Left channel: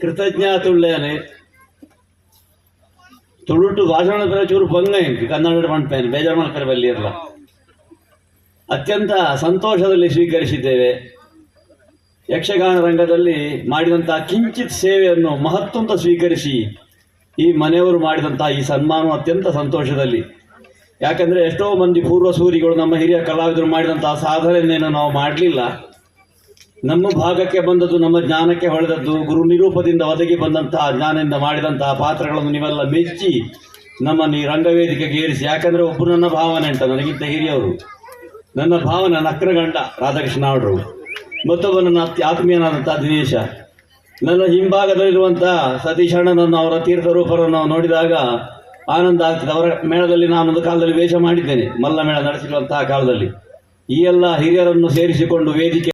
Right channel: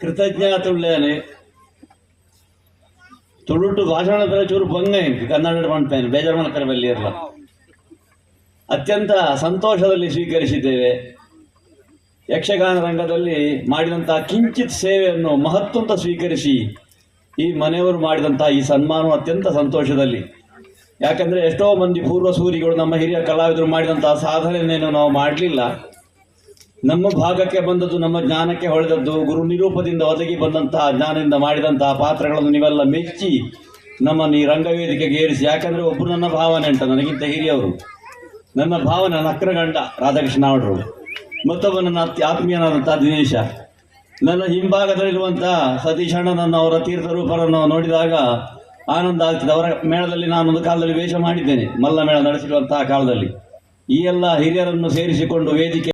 ಕೃತಜ್ಞಾತುಳ್ಳೇನೆ ತುಳುಟು ಭಾಷಣ ಚೂರು ಪೊಂಗ ಎಂಟು ಕನ್ನಡ ಮಾಡ್ತೇನೆ ಬೇಜಾರು ಮಾಡ್ತಾರೆ ಬಲ್ಲಿ ಇರಲ್ಲ ಅತ್ಯಂತ ಸಂತೋಷದಲ್ಲಿ ಸ್ವೀಕರಿಸಿದ್ದೇವೆ ಯಕ್ಷಗಾನ ರಂಗದಲ್ಲಿ ಮಾಡಿದಂತಹ ಕಿಂಚಿತ್ ಸೇವೆಯನ್ನು ಮಹತ್ವಂತ ಸ್ವೀಕರಿಸಿ ಈ ಮನೆಯವರು ಮಾಡಿದಂತಹ ಈ ಸನ್ಮಾನ ಅತ್ಯಂತ ಸಂತೋಷದಲ್ಲಿ ಯಾಕಂದ್ರೆ ಎಷ್ಟೋ ಮಂದಿ ಪೂರ್ವ ಸೂರಿಗಳು ನಮ್ಮ ಹಿರಿಯ ಕಲಾವಿದರು ಮಾಡಿದಂತಹ ಸಾಧನೆಯನ್ನು ನಾವು ಮಾಡಲಿಲ್ಲ ನಮ್ಮ ಭಾಗಕ್ಕೆ ಬಂದದ್ದು, ನಮ್ಮ ಜ್ಞಾನಕ್ಕೆ ಹೊಳೆದದ್ದು, ಗುರು ನಿರೂಪದಿಂದ ಒದಗಿ ಬಂದಂತಹ ಜ್ಞಾನದಿಂದ ಮಾಡಿದಂತಹ ಪಾತ್ರಗಳನ್ನು ನೀವೆಲ್ಲ ಮೆಚ್ಚಿ ನಮ್ಮನ್ನು ಈ ರಂಗವೇದಿಕೆಗೆ ಏರಿಸಿ. ಯಾಕಂದ್ರೆ ಒಬ್ಬರು ನನ್ನ ಭಾವನೆ ಅಂತ, ನನಗಿಂತ ಹಿರಿಯವರು. ನನ್ನ ಭಾವನ ನಕ್ರಗಂಡ ರಾಧಾಕೃಷ್ಣ ಅವರು ಮತ್ತೊಬ್ಬ ನನ್ನ ಅತ್ಯ ದಿನೇಶ. ನನ್ನ ಹಿಂಭಾಗದಲ್ಲಿರುವಂತಹ ಸತೀಶ್ ಅಣ್ಣನನ್ನು ಅವರ ತೀರ್ಥರೂಪರನ್ನು ನಾವು ನೋಡಿದಾಗ ಆನಂದ ಆಗ್ತದೆ. ಅವರ ಮೇಳದಲ್ಲಿ ನಾನೊಂದು ಕಾಲದಲ್ಲಿ ವೇಷ ಮಾಡಿದ್ದೇನೆ. ಮಲ್ಲ ಮೇಳ ನಡೆಸಿರುವಂತಹ ಕಾಲದಲ್ಲಿ. ಈ ಎಲ್ಲ ಹಿರಿಯರನ್ನು ಸೇರಿಸಿಕೊಂಡು ವೇದಿಕೆ